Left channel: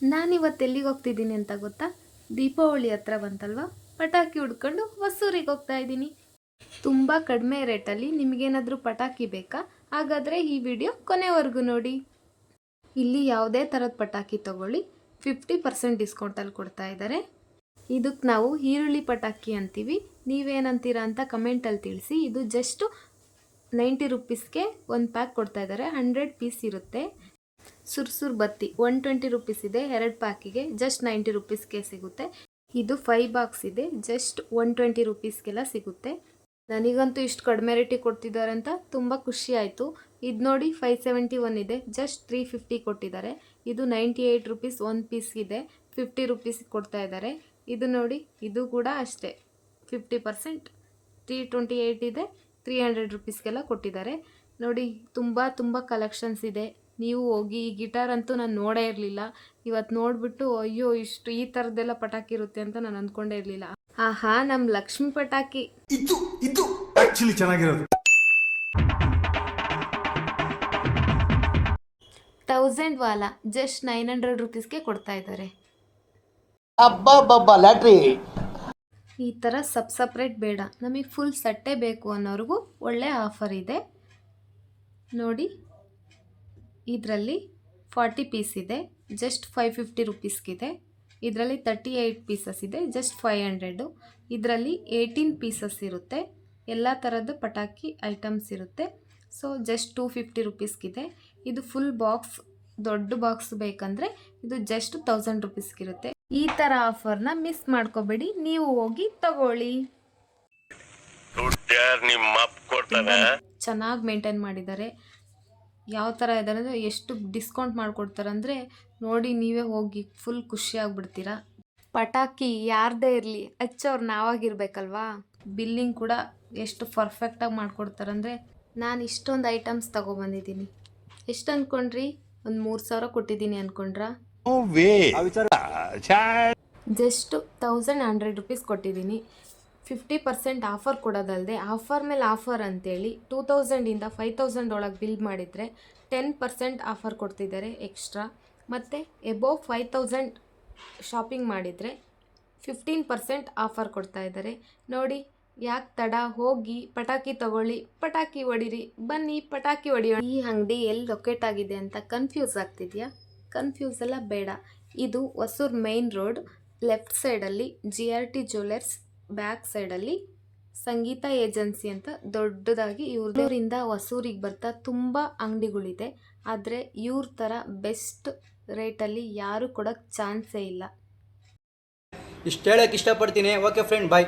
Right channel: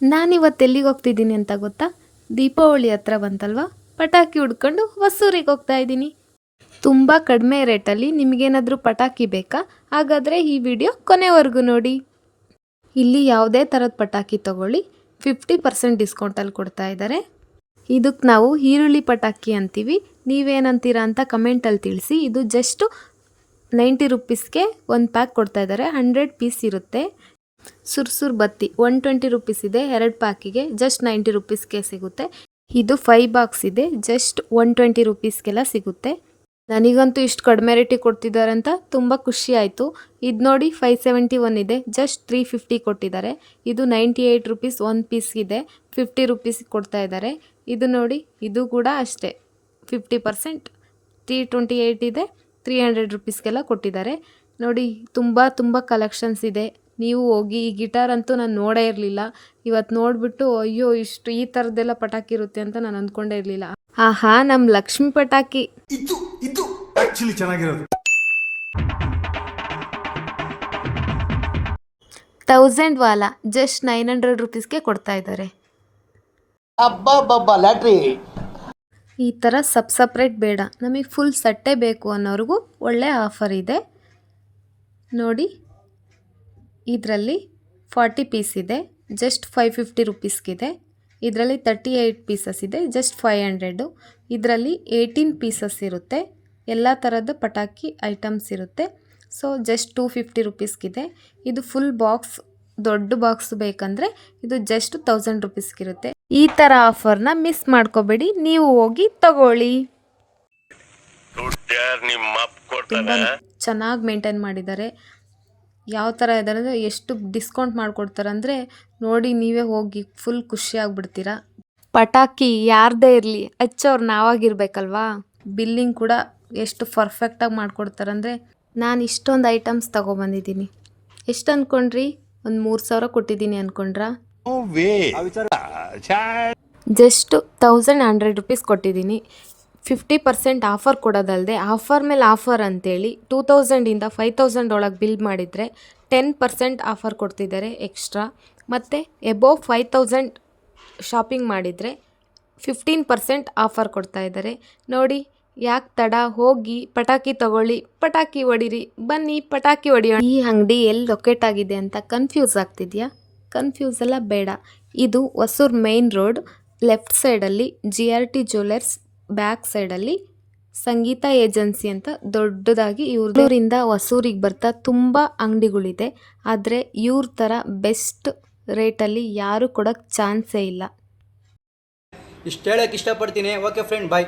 ನಾನಿವತ್ತು ಎಲ್ಲಿಗೆ ಹೋಗ್ತಿದ್ದೀನಿ ಅಂತ ಗೊತ್ತಾ? ದೀಪಾವಳಿ ಹತ್ರ ಬಂತಲ್ವಾ? ಪಟಾಕಿ ಹುಡ್ಕೊಂಡು ಹೊಸೂರಿಗೆ ಹೋಗ್ತಾ ಇದ್ದೀನಿ. ತುಂಬ ಕಡಿಮೆ ರೇಟಲ್ಲಿ ನಿಮಗೇನಾದರೂ ಪಟಾಕಿ ಬೇಕಾ? ಹಾಗಾದರೆ ಈ ವಿಡಿಯೋ ಕೊನೆವರೆಗೂ ನೋಡಿ. ಇಲ್ಲಿ ಯಾವುದೇ ಥರದ ಪಟಾಕಿ ತಗೊಳ್ಳಿ. ಫಿಫ್ಟಿ ಪರ್ಸೆಂಟ್ ಡಿಸ್ಕೌಂಟಲ್ಲಿ ಕೊಡ್ತಾ ಇದ್ದಾರೆ. ಇದಕ್ಕೆ ನಾವು ಈರುಳ್ಳಿ ಪಟಾಕಿ ಅಂತೀವಿ. ನೀವೇನಂತೀರಾ ಅಂತ ಕಮೆಂಟಲ್ಲಿ ತಿಳಿಸಿ. ಇದು ಜಸ್ಟು ನೈಂಟಿ ರುಪೀಸ್ಗೆ ಒಂದು ಪ್ಯಾಕ್ ಕೊಡ್ತಾ ಇದ್ದಾರೆ. ಹಂಡ್ರೆಡ್ ಪೀಸ್ ಇರುತ್ತೆ. ಸುರ್ಸುರ್ ಬತ್ತಿ ಒನ್ ಟ್ವೆಂಟಿ ರುಪೀಸ್ ಇದೆ, ಎರಡು ಪ್ಯಾಕಿಗೆ ಜಸ್ಟ್ ನೈಂಟಿ ರುಪೀಸ್ಗೆ ಸಿಗುತ್ತೆ. ಇದು ಫೈವ್ ಬಾಕ್ಸ್ ಇದೆ ಜಸ್ಟ್ ಒನ್ ಟ್ವೆಂಟಿ ರುಪೀಸ್ಗೆಲ್ಲ ಸಿಗುತ್ತೆ. ನನಗಂತೂ ಇಷ್ಟು ಕಡಿಮೆ ರೇಟಿಗೆ ಕೊಡ್ತಿದ್ದಾರೆ ಅಂತ ತುಂಬ ಖುಷಿ ಆಯಿತು. ಇದು ನೋಡಿ ಫೈವ್ ಸೆವೆಂಟಿ ಒನ್ ಇದೆ ಜಸ್ಟ್ ತ್ರೀ ಫಿಫ್ಟಿ ಕೊಟ್ಟಿದ್ದಾರೆ. ಇದು ninety eight rupees one piece ಇದೆ ಫಿಫ್ಟಿ ರುಪೀಸ್ ಕೊಡ್ತಾ ಇದ್ದಾರೆ. ಇದು ನೋಡಿ, ಇದು ಕೂಡ ಅಷ್ಟೇ fifty percent three twenty eight ಇದೆ ತ್ರೀ ಹಂಡ್ರೆಡ್ ರುಪೀಸ್ಗೆಲ್ಲ ಕೊಟ್ಟಿದ್ದಾರೆ. ನೋಡಿ, ತುಂಬ ತುಂಬ ಕಲೆಕ್ಷನ್ಸ್ ಇದೆ. ನೀವು ಹೋಗಿ ಈ ಗಿಟಾರ್ ಅಂತೂ ನಾನು ನೋಡೇ ಇರಲಿಲ್ಲ. ಇವತ್ತು ನೋಡಿಬಿಟ್ಟು ಅಯ್ಯೋ ಇಷ್ಟು ಈ ಥರದ್ದೆಲ್ಲ ಪಟಾಕಿ ಇರುತ್ತೆ ಅಂತ ನಾನು ಅಂದ್ಕೊಂಡೇ ಇರಲಿಲ್ಲ. ಆಹಾ ನಮ್ಮ ಲಕ್ಷ್ಮಿ ಪಟಾಕಿ. ಇದು ಇದು ಆ್ಯಕ್ಚುಲಿ ಚೆನ್ನಾಗಿರೋದು. ತೌಸಂಡ್ ವಾಲ ಜಸ್ಟ್ ನೈನ್ ಹಂಡ್ರೆಡ್ ರುಪೀಸ್ಗೆ ಕೊಡ್ತಾ ಇದ್ದಾರೆ. ಅಬ್ಬಬ್ಬಬ್ಬ ಲ್ಯಾಟ್ರಿ. ಈ ಥರ ಸಬ್ ಸಪ್ರೇಟ್ ಬೇಡ. ನಮಗೆ ಫುಲ್ ಸಟ್ಟೆ ಬೇಕು ಅನ್ನೋರಿಗೂ ಒಳ್ಳೆ ಆಫರ್ ಇದೆ. ನೋಡಿ. ಇದರಲ್ಲಿ ಫಾರ್ಟಿ ಪೀಸ್ ಇದೆ ಜಸ್ಟ್ ಫೈವ್ ಫಿಫ್ಟಿ ರುಪೀಸ್ಗಿದೆ. ಇದರಲ್ಲಿ ತರ್ಟಿ ಏಯ್ಟ್ ಪೀಸಸ್ ಇದೆ ಜಸ್ಟ್ ಫೈವ್ ಹಂಡ್ರೆಡು. ಇದರಲ್ಲಿ ಏಯ್ಟೀನ್ ಪೀಸಸ್ ಇರುತ್ತೆ ಎಲ್ಲ ಥರದ ಪಟಾಕಿ ಐಟಮ್ಸ್ ಇರುತ್ತೆ. ಸೊ ಜಸ್ಟ್ ಟೂ ಫಿಫ್ಟಿ ರುಪೀಸ್ಗಿದೆ. ಇದು ಫುಲ್ ಬಾಕ್ಸ್ ದೊಡ್ಡ ಬಾಕ್ಸ್ ಬೇಕಂದರೆ ಇದು ಜಸ್ಟ್ ತೌಸಂಡ್ ರುಪೀಸ್ಗಿರುತ್ತೆ. ಈ ಥರ ಆಫರ್ನ ಮಿಸ್ ಮಾಡ್ಕೋಬೇಡಿ ನೀವು ಹೋಗಿ ತಗೊಳ್ಳಿ. ಚೆನ್ನಾಗಿ ಮೇಂಟೈನ್ ಮಾಡಿದ್ದಾರೆ. ಯಾವ ಥರ ಇದ್ದಾರೆ ಅಂದರೆ ಎಷ್ಟು ಡಿಸ್ಕೌಂಟ್ ಮಾಡಿಕೊಡ್ತಾರೆ ಅಂದರೆ ನೋಡಿ ನೀವೇ ಹೋಗಿ ಫುಲ್ ಖುಷಿಯಾಗ್ಬಿಡ್ತೀರಾ ಪಟಾಕಿ ಯಾರದೇ ಇರಲಿ ಹಚ್ಚೋರು ನಾವಾಗಿರ್ಬೇಕಲ್ವಾ. ಬಿಲ್ಲಿಂಗ್ ಕೂಡ ಎಷ್ಟು ಪರ್ಫೆಕ್ಟಾಗಿ ಮಾಡಿಕೊಡ್ತಾರೆ ಅಂದರೆ ನಾನು ಇಷ್ಟೊಂದು ಐಟಮ್ಸ್ ತಗೊಬಂದಿದ್ದೀನಿ. ಎಷ್ಟು ಅಂದ್ಕೊಂಡ್ರಿ ಒಂದು ಮೂರು ಸಾವಿರ ಕೊಟ್ಟಿದ್ದೀನಿ ಅಂದ್ಕೊಂಡ್ರಾ ಜಸ್ಟ್ ತೌಸಂಡ್ ಹಂಡ್ರೆಡ್ ರುಪೀಸ್ ಕೊಟ್ಟಿದ್ದೀನಿ. ಫಿಫ್ಟಿ ಪರ್ಸೆಂಟ್ ಆಫರ್ ಕೊಡೋದಲ್ಲದೆ ಆಫರ್ ಮೇಲೆ ಆಫರ್ ಅಂತೇಳಿ ಟೂ ತೌಸಂಡಿಂದ ಫೈವ್ ತೌಸಂಡ್ ಒಳಗೆ ಬಿಲ್ ಮಾಡಿದರೆ ಟೆನ್ ಪರ್ಸೆಂಟ್ ಆಫರ್ ಕೊಡ್ತಿದ್ದಾರೆ ಎಕ್ಸ್ಟ್ರಾ ಮತ್ತು ಎಬೋವ್ ಫೈವ್ ತೌಸಂಡ್ ಶಾಪಿಂಗ್ ಮಾಡಿದರೆ ಫಿಫ್ಟೀನ್ ಪರ್ಸೆಂಟ್ ಆಫರ್ ಕೊಡ್ತಾ ಇದ್ದಾರೆ. ನೋಡಿ, ಯಾಕೆ ತಡ? ಹೋಗಿ ಪಟಾಕಿ ತಗೊಳ್ಳಿ, ಪಟಾಕಿ ಹೊಡಿರಿ, ಬನ್ನಿ ಪಟಾಕಿ ಹೊಡಿಯೋಣ ಈ ಅಂಗಡಿ ಎಲ್ಲಿ ಲೊಕೇಟ್ ಆಗಿದೆ ಅಂತ ಕನ್ಫ್ಯೂಸ್ ಆಗ್ತಿದೆಯಾ? ಕನ್ಫ್ಯೂಸ್ ಎಲ್ಲ ಬೇಡ. ಇದು ಹೊಸೂರು ಮೇನ್ ರೋಡ್ ಲೆಫ್ಟ್ ಸೈಡಲ್ಲಿ G R T jewellers back ಸೈಡಲ್ಲಿ ಸಂಗೀತ ಏಜೆನ್ಸಿ ಅಂತ ದೊಡ್ಡದಾಗಿ ಇವ್ರದೂರಿಂದ ಹೊಸೂರಿಗೆ ಬರ್ತಾ ತುಂಬ ಅಂಗಡಿಗಳಿದೆ. ಆದರೆ ಇವ್ರ ಥರ ಬೆಸ್ಟ್ ರೇಟಲ್ಲಿ ಯಾರು ಕೊಡೋಕ್ಕೆ ಚಾನ್ಸೇ ಇಲ್ಲ. ಇಷ್ಟು ಹೇಳಕ್ಕೆ ಇಷ್ಟಪಡ್ತೀನಿ. Okay friend bye